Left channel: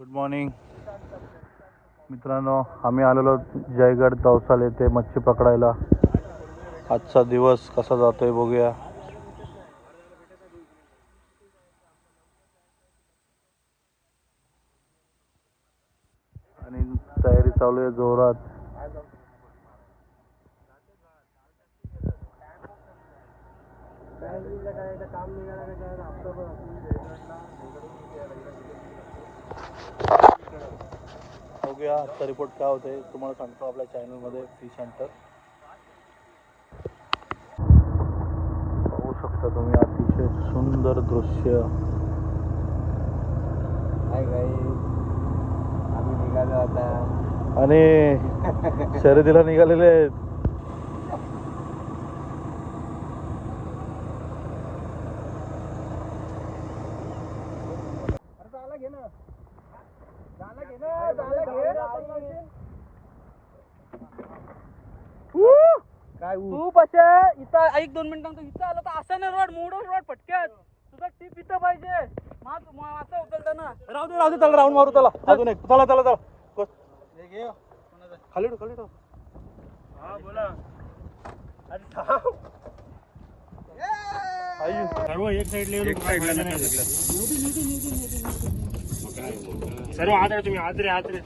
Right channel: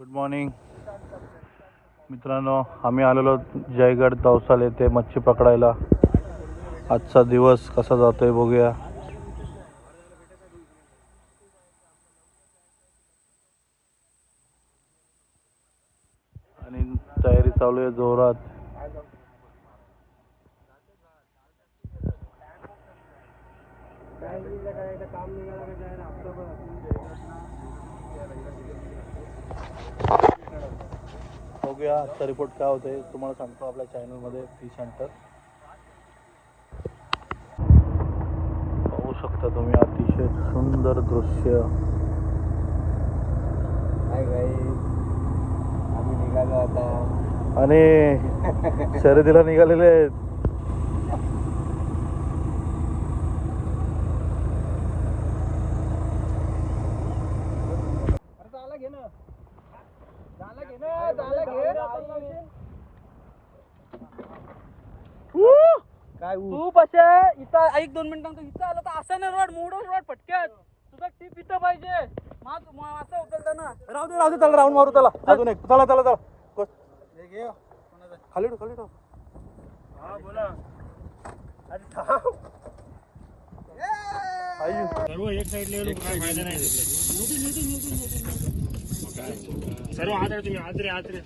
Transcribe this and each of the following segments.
Good morning मित्रांनो, आम्ही आलेलो जयगड दौसाल येथे मच्छी पकडायला. आजचा दिवस कसा जातोय बघूया. आणि तयारी चालू आहे जोरात. बघूया आजचा रिपोर्ट काय होतंय तुम्हाला सांगतो आपल्या चॅनलमध्ये फिश हंटर. पाहू शकता तुम्ही अतिशय सुंदर दृश्य. आम्ही निघालो आता आणि शर्यतीला निघालेले आहेत. काय तू पशे इथं एक 2 मिनिटांत इथं आलं तर असं नाही रोड मोडून रोड पटक्यात तुझा टीप इथं पाहिजे. मासा उचलता ना. राहू दे त्याला राऊंड मारू त्याला. अजून एक चला चला चला खाली खाली सर्व एक साइड लेवल सर्व आदरे तुम्ही आदरे लोक आदरे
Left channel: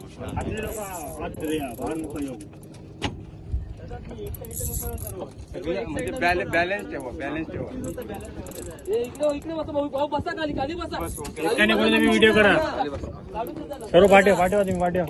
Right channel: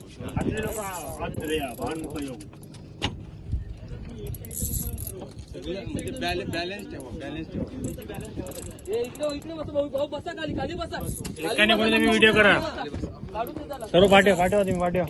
म्हणजे बॅलन्स ठेवा. इकडे बसा भाऊ, बसा खाली बसा. तुम्ही व्हिडिओ करा. सर्व पाठवा तुम्ही पाठवा.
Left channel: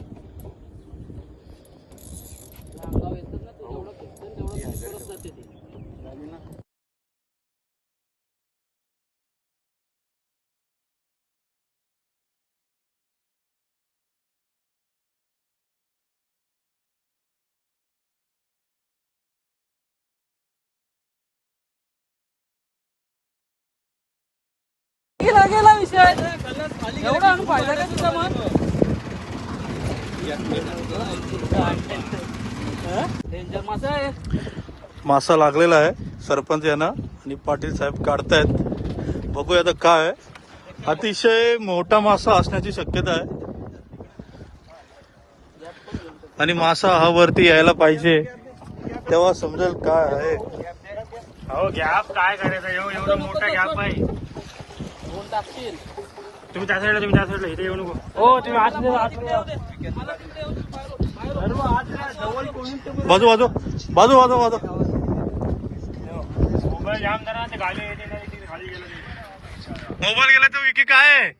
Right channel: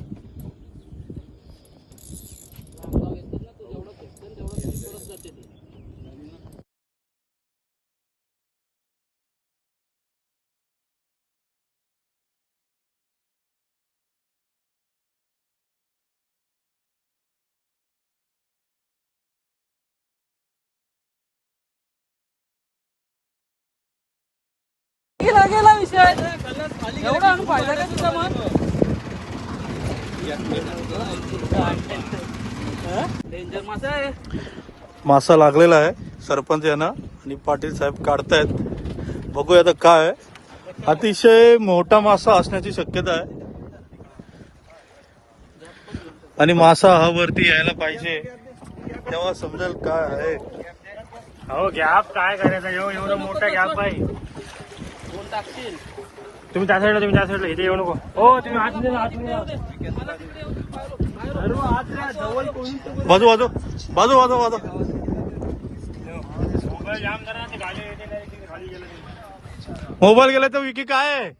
गेला विषय एवढा आणून फायदा काय तुझा मग. डेंजर मासा आहे. मासा लागलेला आहे सरपंच यांना आणि पाटील साहेब काढतायत. बघूया आता काय आहे. अतिशय मोठा मासा असण्याची शक्यता आहे आणि मासा हा वरती यायला पाहिजे तेव्हा समजेल काय आहे. हो गॅप काय करायचा एवढा मोठा गॅप आहे. तुम्ही त्या साईडला इथे येऊ नको. हो तुम्ही बाजू बाजू बाजू बाजू बाजू मोबाईल जाम करा. गाडी येते नाही खाली गेलं. मोबाईल गेला तर विकी काय आहे.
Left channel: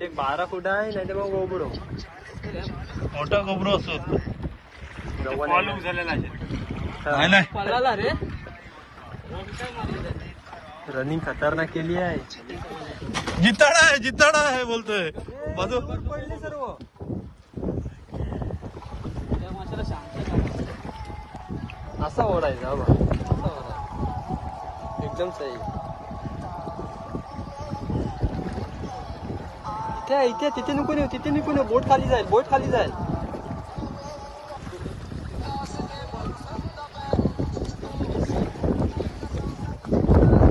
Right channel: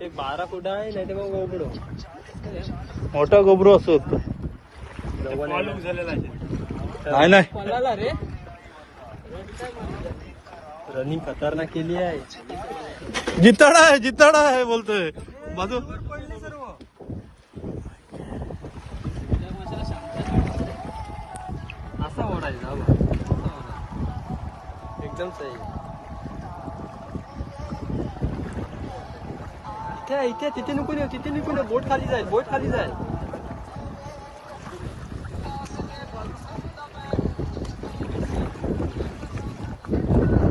ते 12 फूट आहे नाही तर मग गोबडो मोठा गोबरू असेल झालेला नाही. पळाला रे. रनिंग खतरनाक केली आहे. जिताडा आहे बोलतोय बाजू. असा ओढायचा एकदम सही. काय इथे तिथे नको बोट खाली जाय.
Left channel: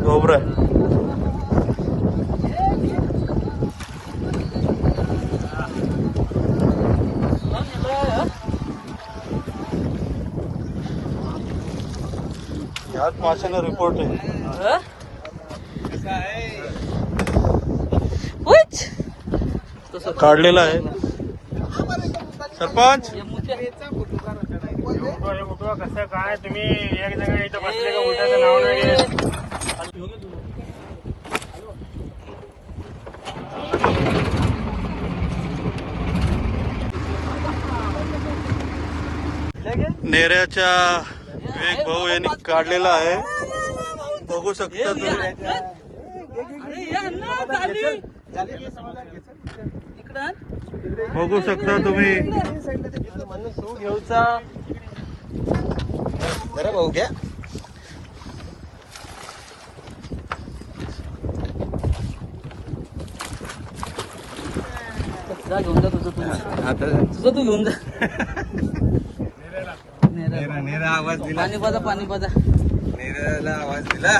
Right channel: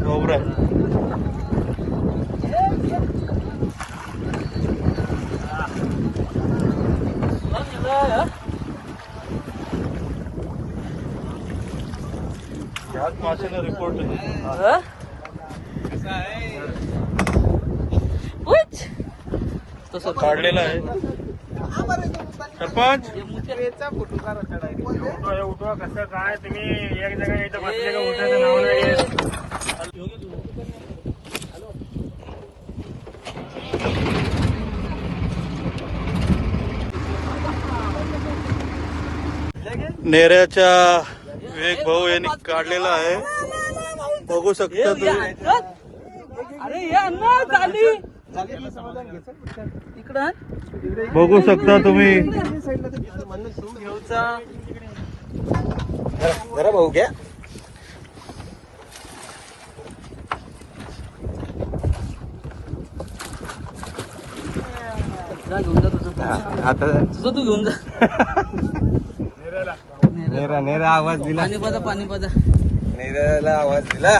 गोबरा यात माशाचा रिपोर्ट आहे. तसं काढलेला आहे सरपंच. उठवा कसं काय तुम्ही एक जण इथं बसले का उठायचं नाव नाही. नेऱ्याच्या विवेक भाऊ यांनी काढलेला आहे. बघू शकता तुम्ही. बघू शकता तुम्ही. भाऊ घ्या. तुझं तू घेऊन जा. नेरा आवाज दिला. पाणी पाजा. नेऱ्याला आवाज दिला.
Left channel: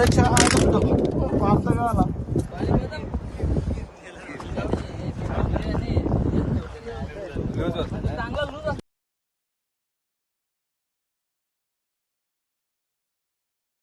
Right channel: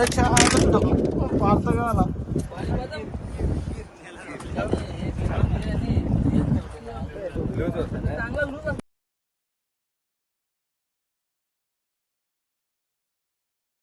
पार्थ